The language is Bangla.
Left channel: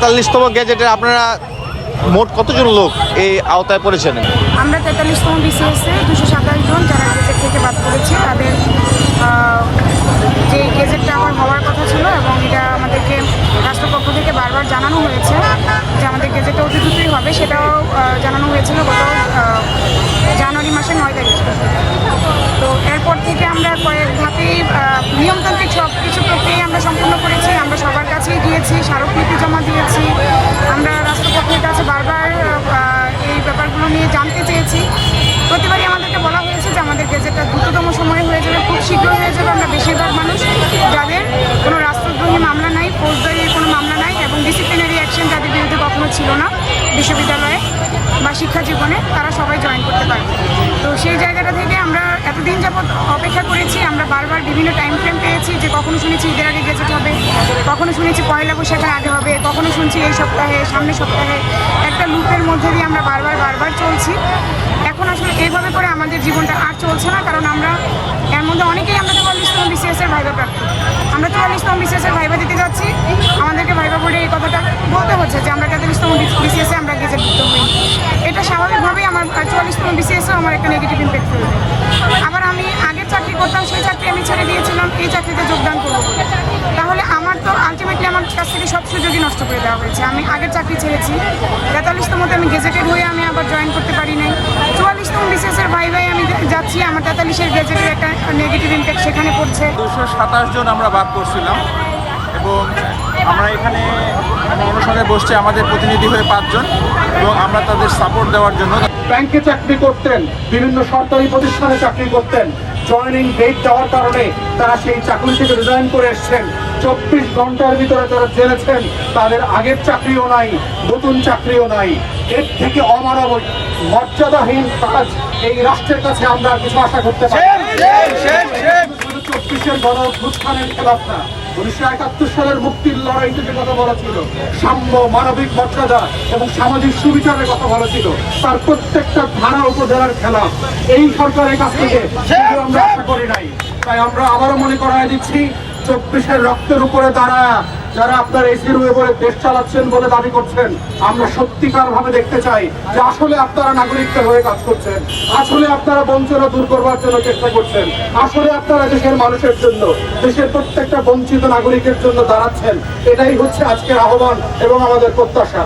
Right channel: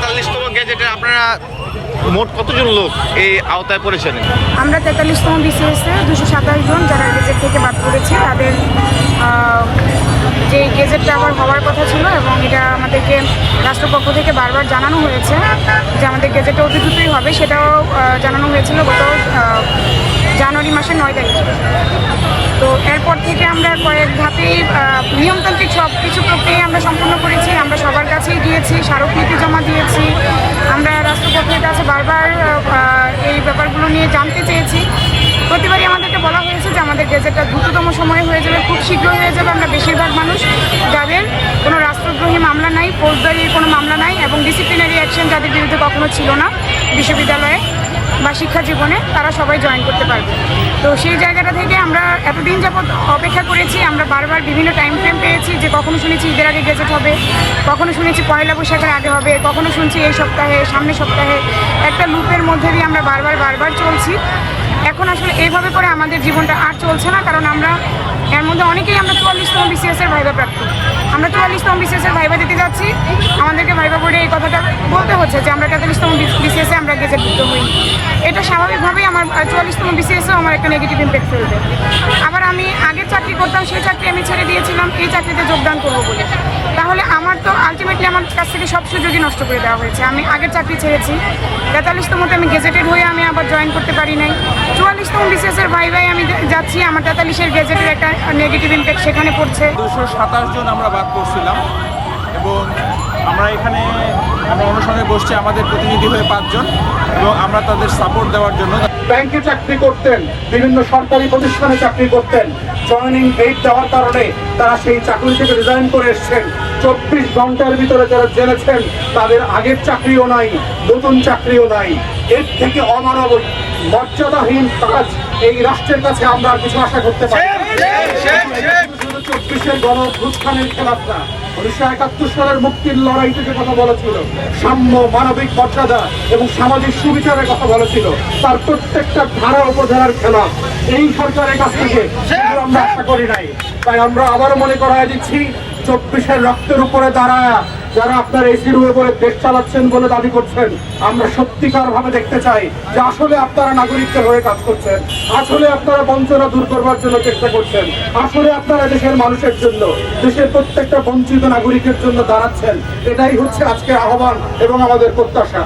তেতাল্লিশতম গ্যাজেটে আপনারা মোট কতজন লোক এই আওতায় পড়েছেন? আমরা তেতাল্লিশতম বিসিএসে দুশো সাতাশ জন যারা গেজেট থেকে বাদ পড়েছি, তাদের গেজেটটা আবার হওয়ার কথা ছিল এবং এটা আমাদেরকে রাষ্ট্রপক্ষ থেকে বারবার জানানো হয়েছে যে আমাদের গেজেটটা অতি দ্রুতই হবে। সেটাও জানানো হয়েছিল গত জানুয়ারি মাসের নয় তারিখে। তো এরপর থেকে আমরা কয়েক আহ, নিয়মতান্ত্রিক সব কিছু প্রক্রিয়া আমরা সম্পূর্ণ করেছি। আমরা সবার কাছেই গিয়েছি স্মারকলিপি জমা দিয়েছি। আমরা রাষ্ট্রপক্ষের কাছে বারবার এই ব্যাপারগুলো নিয়ে জানতে চেয়েছি। প্রতিবারই আমাদেরকে বলা হয়েছে যে আমাদের গেজেটটা দ্রুততম সময়ে হয়ে যাবে, খুব শীঘ্র হয়ে যাবে। আমরা বেশিরভাগ মানুষ যাদের কোনো রাষ্ট্রদ্রোহী মামলা নাই ফৌজদারি কোনো মামলা নাই এবং ডিসিপ্লিনারি অ্যাকশন যাদের বিরুদ্ধে কখনো ছিল না বিশ্ববিদ্যালয়ে বা শিক্ষা জীবনে, তারা সবাই জয়েন করতে পারবে। তো সেই জায়গাটা থেকে আমরা এতদিন যাবৎ অপেক্ষা করেছি, আমরা বারবার বিভিন্ন টাইম ফ্রেম পেয়েছি যে কখনো শুনেছি ঈদের আগে গেজেট হবে, কখনো শুনেছি পয়লা বৈশাখের আগে হবে, কখনো শুনছি এই সপ্তাহে, সামনের সপ্তাহে একটা লুপের মধ্যে দিয়ে আমরা বারবার বারবার চলছি। এখন আসলে এইভাবে করে আমাদের জীবনটা আর চলছে না, কারণ আমরা এর মধ্যে অনেকেই আমরা চুয়াল্লিশতম বিসিএস এর ভাইবা প্রার্থী। আমরা চুয়াল্লিশতম বিসিএস এর ভাইবা দিতে যাচ্ছি। আমাদেরকে ভাইবা বোর্ডে এই কথাটা বলতে হচ্ছে যে, আমরা তেতাল্লিশতম বিসিএস আমরা গেজেটভুক্ত হই। এটা স্বাভাবিকভাবেই আমার চুয়াল্লিশতম বিসিএসও আমার একটা নেগেটিভ ইম্প্যাক্ট ফেলবে। আবার আমি আগের চাকরি করতাম, সেই চাকরি আমি ছেড়ে দিয়েছিলাম, এই চাকরিতে যোগদান করব বলে। তাহলে আমার তো আলটিমেটলি আমার কাছ থেকে সব সুযোগই নষ্ট করে দেওয়া হয়েছে। আমি আগের চাকরি ছেড়েছি তেতাল্লিশতমতে আমি গেজেটেড হয়ে আমি আবার জয়েন করতে পারি নাই। চুয়াল্লিশতম বিসিএসের ভাই ভাই আমি যাচ্ছি, আমার তেতাল্লিশের গেজেটের একটা নেগেটিভ ইম্প্যাক্ট সেখানে পড়ছে। দুশো সাতাশ জন আমরা বাদ করছিলাম এবং আমরা এখানে আমরা অনুষ্ঠানে বসছি আমাদের প্রতিনিধি হয়ে পাঁচজন এবং আমরা তাদের সাপোর্ট দেওয়ার জন্য। ব্যাংকে চাকরি করতেন বিভিন্ন সরকারি প্রতিষ্ঠানে চাকরি করতেন জয়েনিং ডেট দেওয়ার কারণে তারা সেই চাকরি থেকে রিজাইন করে এসছেন। চব্বিশ ঘণ্টার ভিতরে যারা জেনেছেন তাদের আগের চাকরিও নাই নতুন চাকরিও নাই। এর থেকে অমানব মর্যাদাহীন কাজ এই রাষ্ট্রের কাছে আমরা কিছু আশা করতে পারি না। চব্বিশের গণ অভ্যুত্থানের খেলাফরা উনিশশো একাত্তর সালের বলেছিল সাম্য, মানবিক মর্যাদা এবং সামাজিক বলেছিল তার প্রত্যেকটা খেলা এই সরকারের কাছ থেকে আমরা তাই আমরা আবারও মনে চব্বিশের রক্তের উপরে দাঁড়া যারা আপনার এসির বলে দেশ চালাচ্ছেন বলে দাবি করছেন, আমরা সত্যিকার ভাবে দেখতে চাই যে আসলে আপনারা নাগরিকদের হয়ে কাজ করছেন। আসলে আপনারা বঞ্চনা দূর করবার জন্য চেষ্টা করছেন। আসলে আপনারা দেশের মানুষের জন্য, দেশের প্রত্যেকটা বঞ্চিত নাগরিকের জন্য দাঁড়াচ্ছেন। এটাই হচ্ছে আজকের আহ্বান এবং আমাদের প্রত্যাশা।